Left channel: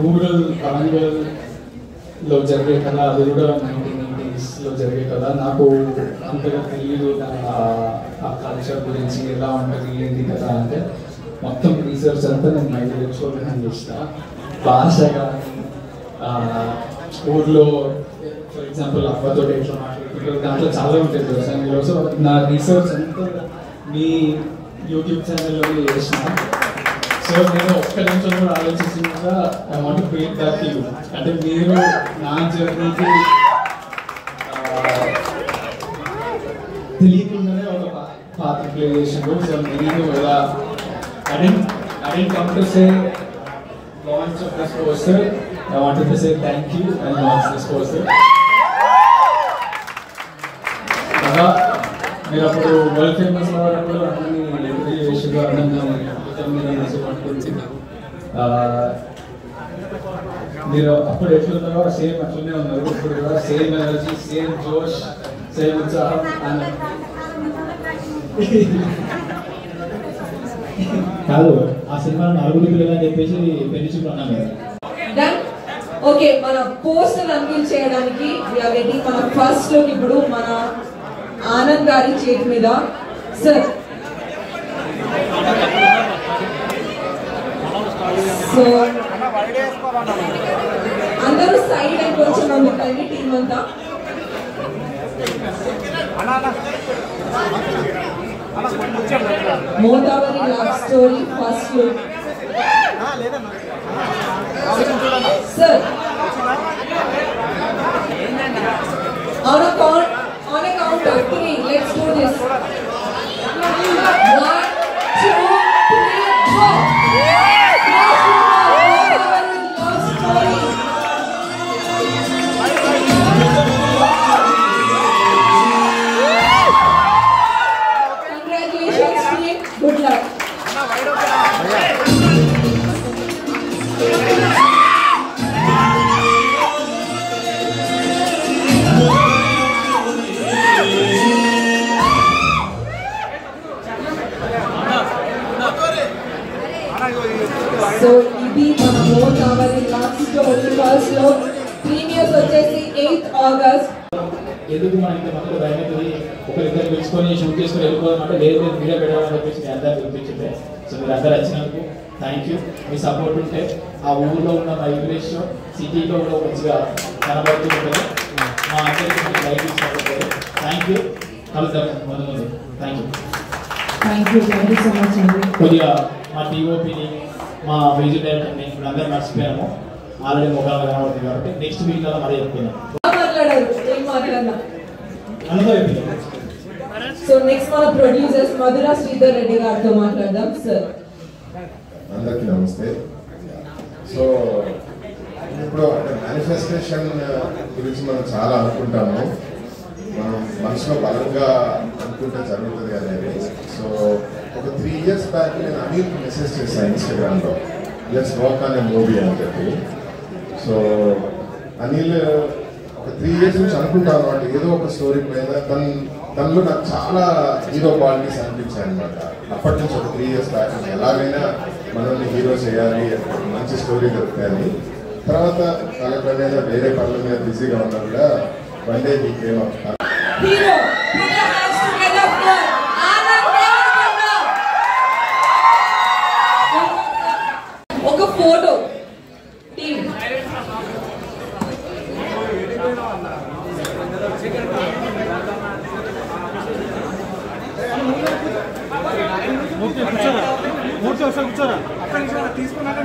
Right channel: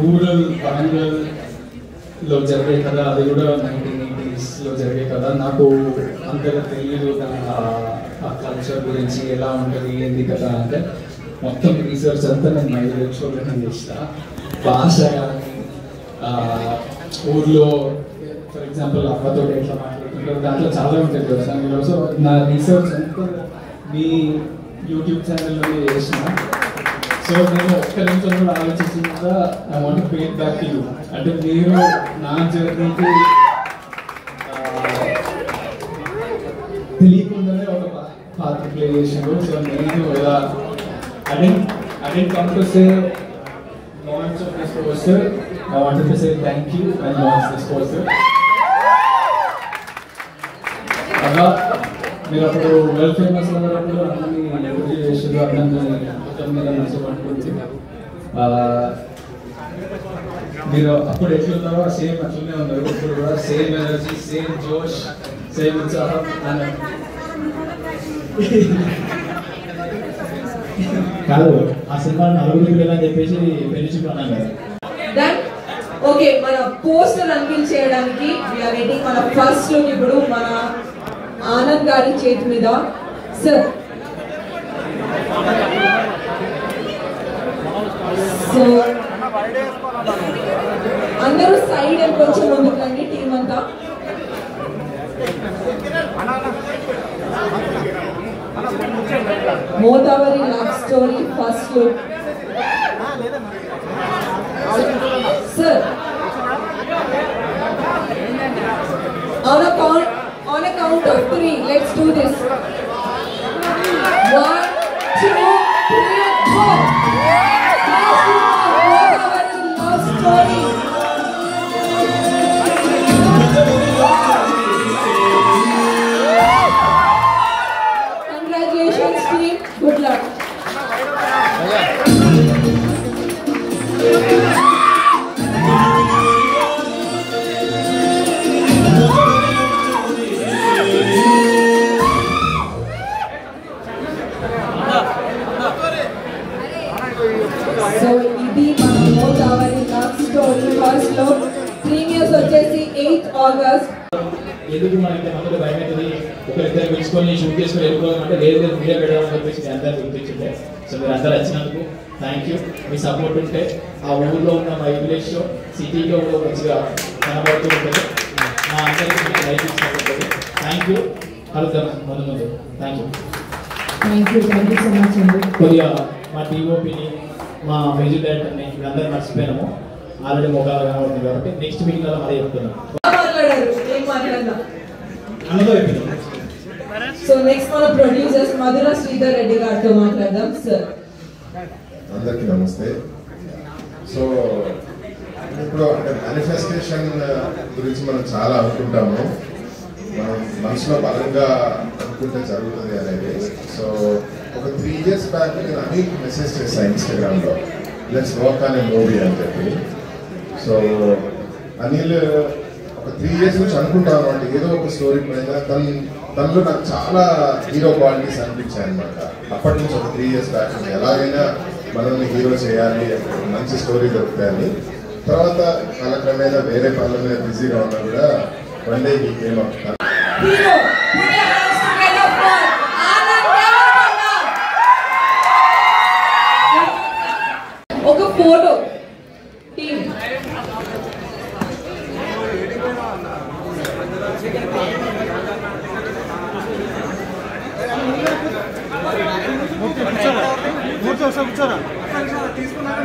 Rural వరంగల్లో జరిగే కదా, అది కూడా 1980s జరిగే కదా. నాకు అంతగా తెలియదు ఆ కల్చర్ గురించి, ఎలా ఉంటుంది ఏంది కదా అంటే మొత్తం రీసెర్చ్ అంతా నేను మైండ్లో చేసిన. భాష కానీ ఊర్లో ఫర్ ఎగ్జాంపుల్ అమ్మతో ఎట్లా మాట్లాడుతుంటారు దాంట్లో చాలా ఉంటుంది కదా దానిలో. సో నా రీసెర్చ్ అంతా మీ యూట్యూబ్ ఛానల్లోనే చేసిన. సో నేను ఒక్క నిమిషం కూడా ఆలోచించకుండా I want to pay back you. అంటే మీరు నా జర్నీకి తెలియకుండానే ఒక పాత్ర ప్లే చేసినారు. సో నేను ఇలా I didn't come to say launch of this poster. I wanted to say thank you and launch this poster. మీరు అప్పుడు వరల్డ్ ఫేమస్ అవ్వడంలో అన్ని చేసేది అన్నీ మొత్తం మీద నుంచి పట్టుకుంది. మీరు అప్పుడు ఎట్లున్నారో సేమ్ అట్లనే ఉన్నారు. ఇప్పుడు కూడా సేమ్ ఎనర్జీ, సేమ్ జోష్, సేమ్ ఉత్సాహం. కాదు ఆ సినిమా నలుగురు పిల్లలని చెప్పేసి ఫ్రెండ్షిప్ అన్నాను కదా. ఓకే, మన పోస్టర్ అన్వీల్ చేయడానికి వీఆర్ వెయిటింగ్ మన ఫస్ట్ లుక్. ఇప్పుడు మన ఆనంద్ గారి చేతి మీద సార్. సో అందరూ సైడ్ అని కొంచెం ముందుకండి టీం అంతా. మోతావరి love story first look. Sir on a count of 3, let's do this. 1, 2, 3, go. Motaveri love story. Congratulations team, good luck. So ఇది మన మోతావరి లవ్ స్టోరీ ఫస్ట్ లో ప్రీమియర్స్ వచ్చేసి 8th ఆగస్ట్. ఎందుకు మనకి మనకు భయమవుతుంది ఒకరిద్దరు పిలుచుకొని షూట్ చేసుకొని వెళ్ళిపోవాలంటే లేదు వీడియో పెట్టాలని చెప్పేసి మీ అందరూ పిలిపించింది. సో మీరు అందరూ వచ్చినందుకు థ్యాంక్ యూ. మీ సపోర్ట్ ఉంటే ఆ ఊళ్ళో ఉన్న వైబ్రేషన్ సిటీలో కూడా మంచిగా కనబడుతూ ఉంటుంది. మా అందరికీ లైఫ్ ఇస్తుంది. Thank you. కలుద్దాం మొదలు. థ్యాంక్ యూ సో మచ్ అండి. కొద్దిగా మా టీఓపీని మా మ్యూజిక్ డైరెక్టర్ని ఇప్పుడు అందరూ మర్చిపోయాము. ఆల్రెడీ మొగాలు కనబడుతుంది కాబట్టి నెక్స్ట్ వీక్ అలా మరీ చెప్తున్నాం. సో నెక్స్ట్ మన ప్రొడ్యూసర్స్ మధురా శ్రీధర్ రెడ్డి గారితో మాట్లాడదాం. సార్ అందరికీ నమస్తే. సో ఇప్పుడు అంటే మేనిఫెస్టేషన్ గురించి మనం చాలా అనుకుంటాము. మనం మనసులో బలంగా అనుకుంటే జరుగుతుంది అనేది. సో ఒక 3 years బ్యాక్ నేను అనిల్కి మెసేజ్ చేశాను ఇన్స్టాగ్రామ్లో, let's work on a movie అని చెప్పి. సో అనిల్ ఒక 3 years నుంచి అనుకుంటాను అంటే ఏదో ఒక స్టోరీ పైన తనలో నాకు చాలా హీరో క్వాలిటీస్ అనిపించాయి అనమాట. అప్పటి నుంచి ఒక 3 years బ్యాక్ ఎలాగైనా మనల్ని హీరో చేయాలి, మంచి స్టోరీ దొరుకుతాయని. తర్వాత కాలక్రమేణా వేరే పనుల మీద బిజీగా ఉన్నా కూడా వన్ డే ఈ కేమ్ అప్. ఒక ఫోటో టీమ్. కూర్చోరా తీసుకున్నాక